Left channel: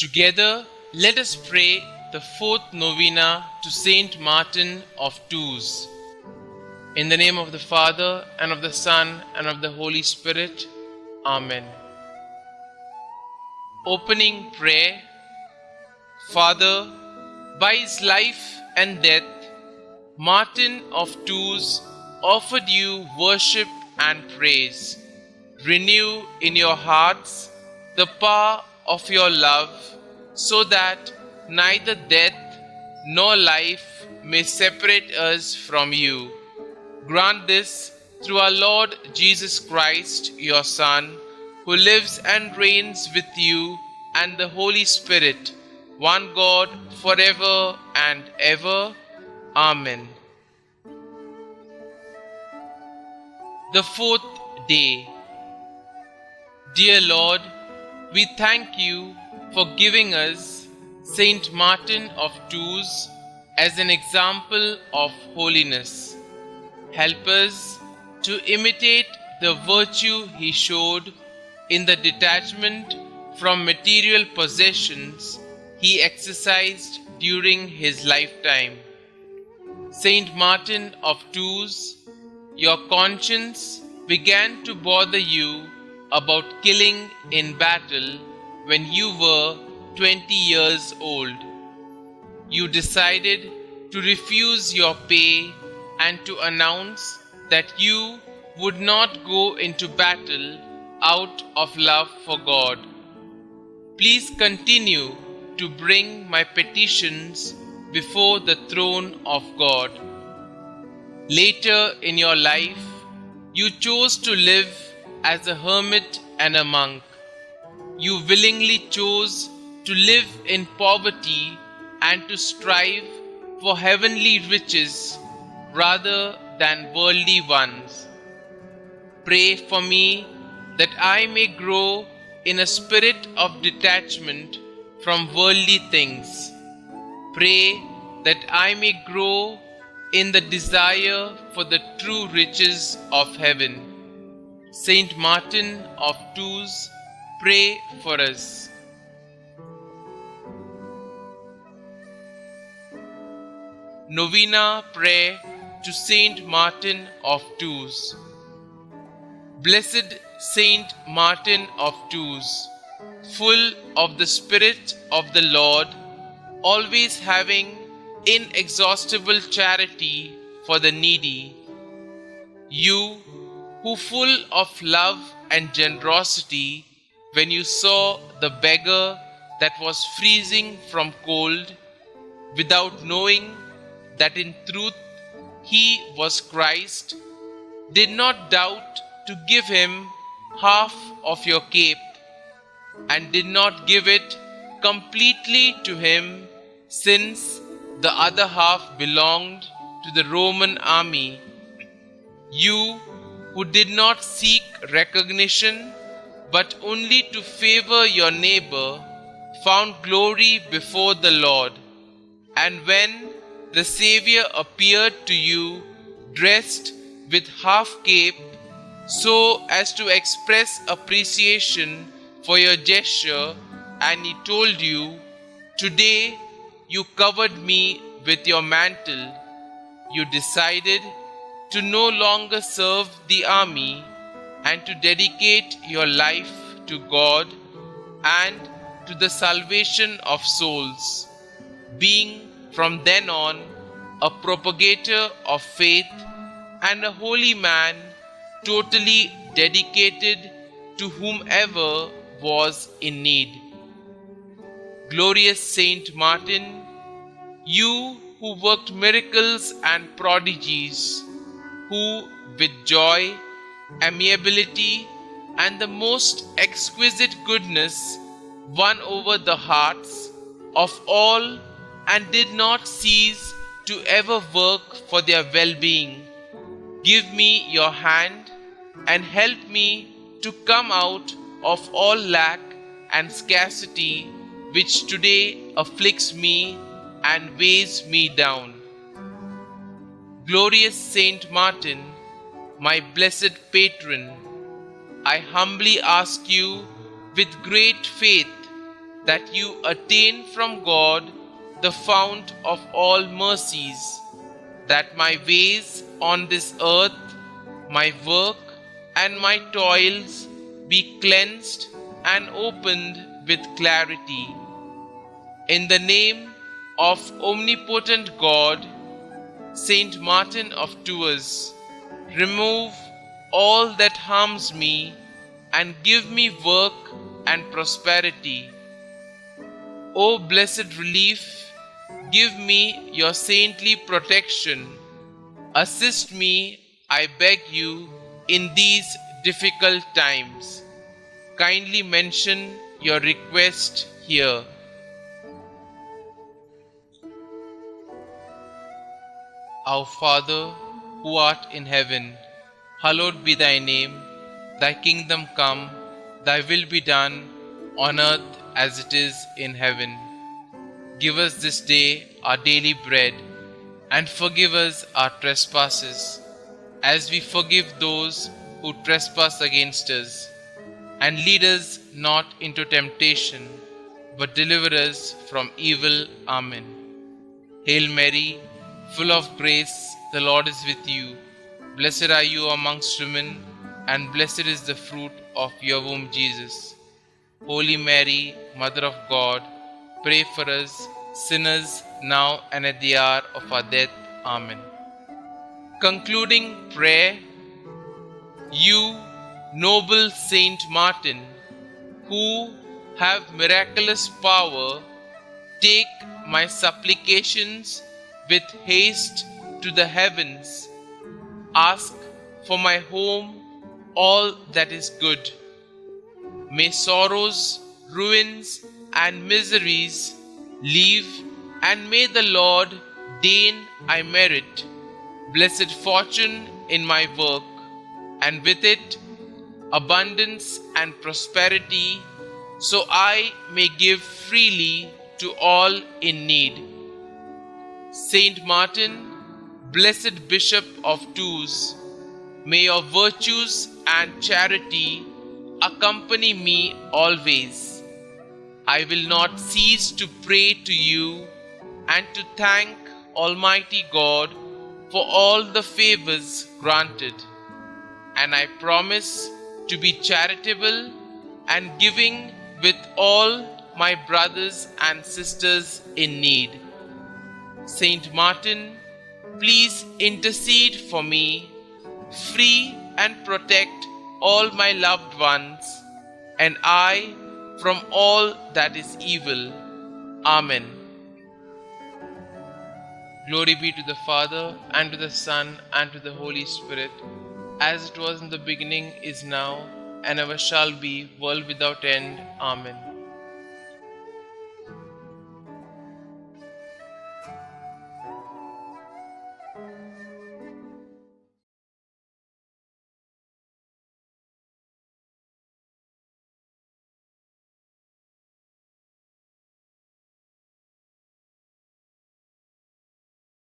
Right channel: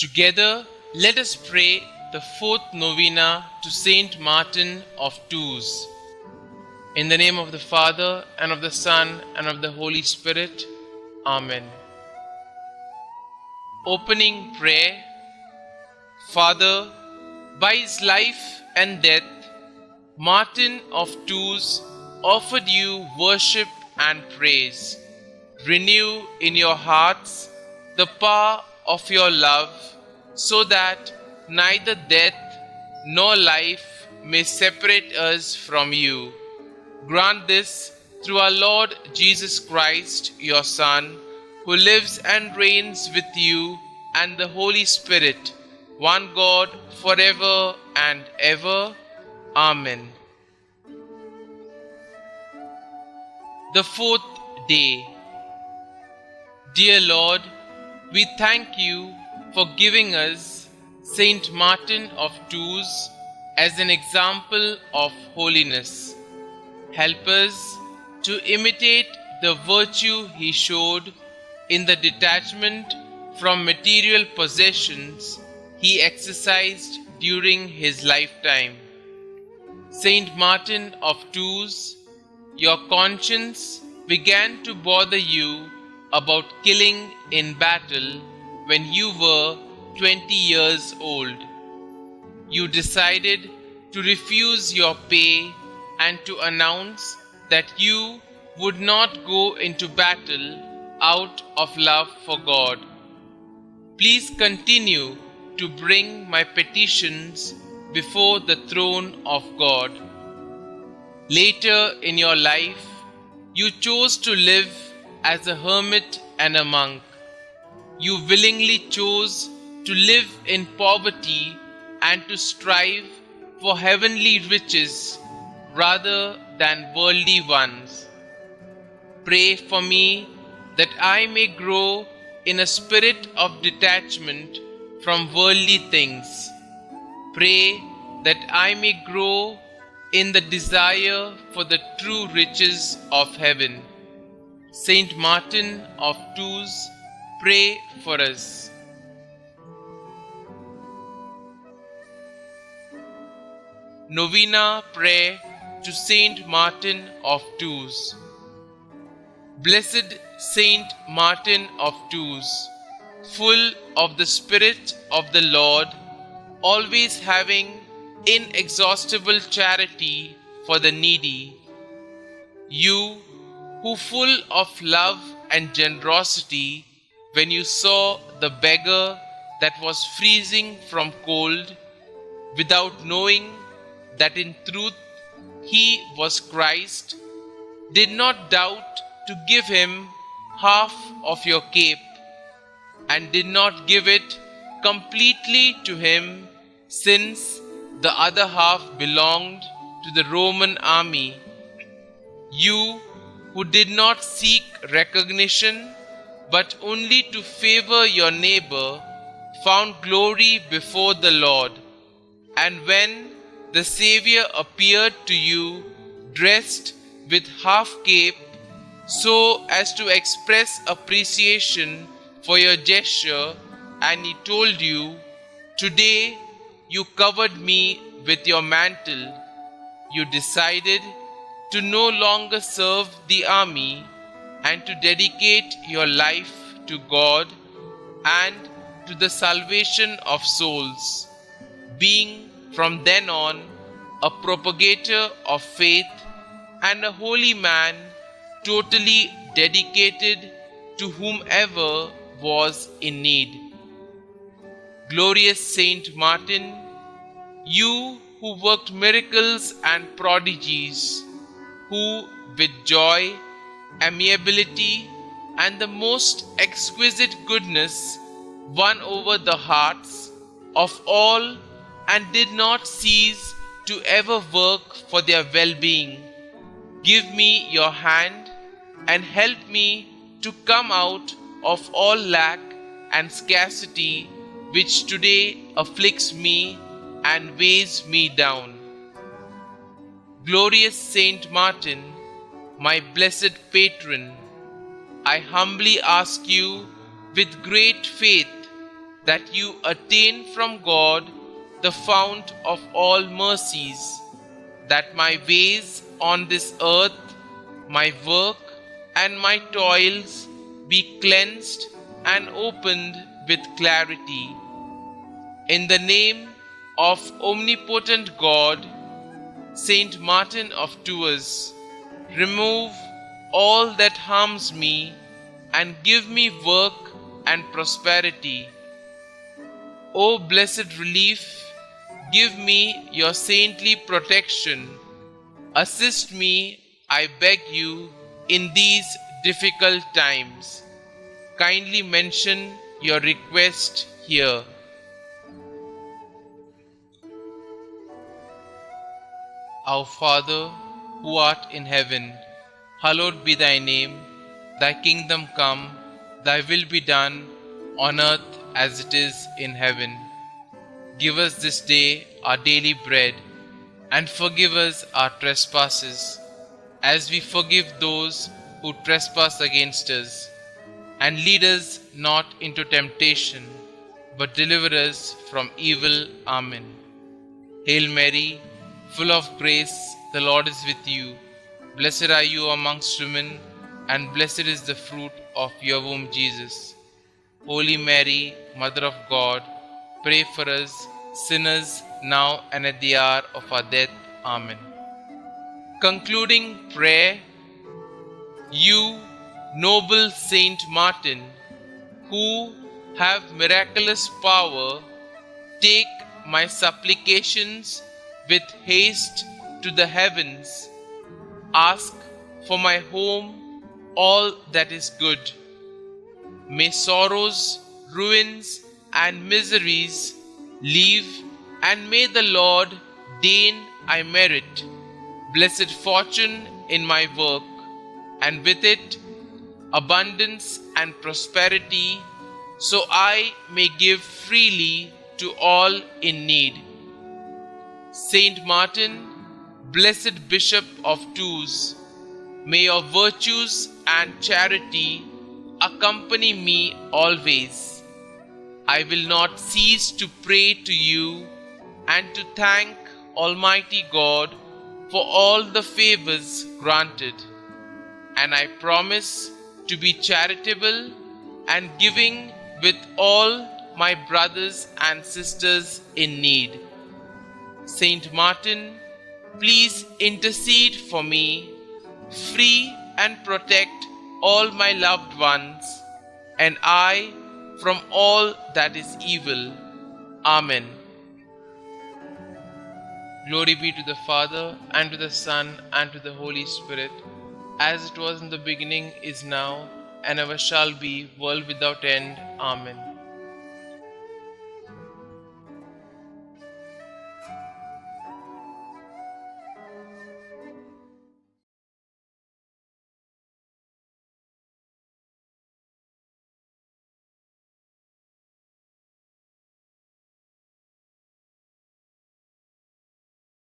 Together, let us pray the fourth novena to Saint Martin of Tours. In the name of the Father, and of the Son, and of the Holy Spirit. Amen. Opening prayer. Father, by his life and death, Martin of Tours offered you worship and praise. Renew in your hearts the power of your love, so that neither death nor life may separate us from you. Grant this through our Lord Jesus Christ, your Son, who lives and reigns with you and the Holy Spirit, one God, forever and ever. Amen. The fourth day. Dear Lord, we thank you for giving us Saint Martin of Tours as an example of holiness. Help us to imitate the virtue he showed in the detachment from material possessions he exercised during his lifetime. Saint Martin of Tours, your conscience began to bother you about killing in battle when you were 20 years old. You decided to refuse your pay and to announce that you would not go into battle out of love for God. Please continue to bring my petitions before the throne of God. Later in your life, you chose to live as a hermit and a monk. You willingly chose to live in poverty and to strive for heavenly riches rather than worldly ones. Pray for me that I may grow in a spirit of detachment from worldly things. Pray that I may grow in the desire for the true riches of heaven. Saint Martin of Tours, pray for us. Novena prayer to Saint Martin of Tours. Blessed Saint Martin of Tours, full of the Spirit of the Lord, always having inexhaustible charity for the needy, you who full of love and generosity, when you saw the beggar that was freezing from cold, without knowing that in truth he was Christ, did not doubt to give him half of your cape, and did not give it completely to him, since the other half belonged to the Roman army. You who did not seek recognition, but only to favor your neighbor, found glory before the Lord. And when the Xavier appeared to you, dressed with half cape, so as to express appreciation for your gesture, and he told you, "Today you covered me with your mantle," you decided to no longer serve the army and to dedicate your life to God and to the salvation of souls, being from then on a propagator of faith and a holy man, totally dedicated to whomever was in need. Glorious Saint Martin, you who worked miracles and prodigies, who with joy, amiability, and the most exquisite goodness won over the hearts of all and did not cease to ever work for their well-being, give me your hand and help me to come out of all lack and scarcity which today afflicts me and weighs me down. Glorious Saint Martin, my blessed patron, I humbly ask you with great faith that you attain from God, the fount of all mercies, that my ways on this earth, my work and my toils be cleansed and opened with clarity. In the name of omnipotent God, Saint Martin of Tours, remove all that harms me and give me work and prosperity. O blessed relief, give me your saintly protection. Assist me, I beg you, in these difficult times. Kindly mention your request here. Our Father, who art in heaven, hallowed be thy name. Thy kingdom come, thy will be done, on earth as it is in heaven. Give us this day our daily bread, and forgive us our trespasses, as we forgive those who trespass against us. And lead us not into temptation, but deliver us from evil. Amen. Hail Mary, full of grace, the Lord is with you. Blessed are you amongst women, and blessed is the fruit of your womb, Jesus. Holy Mary, Mother of God, pray for us sinners now and at the hour of our death. Amen. Concluding prayer. You, noble Saint Martin, who have miraculous power, take my supplications with haste to the heavens. Ask for my home all that is good. May sorrows, ruins, and miseries leave, and may the Lord deign I merit blessed fortune in my work, and with it abundance and prosperity, so I may give freely to all in need. Saint Martin, blessed Bishop of Tours, may your virtues and charity accompany me always. I will not cease to pray to you and to thank Almighty God for all the favors granted. And I promise to be charitable and giving with all my brothers and sisters in need. Saint Martin, please intercede for me, free and protect all my loved ones, and I from all that is evil. Amen. Glory be to the Father, and to the Son, and to the Holy Spirit, as it was in the beginning, is now, and ever shall be, world without end. Amen.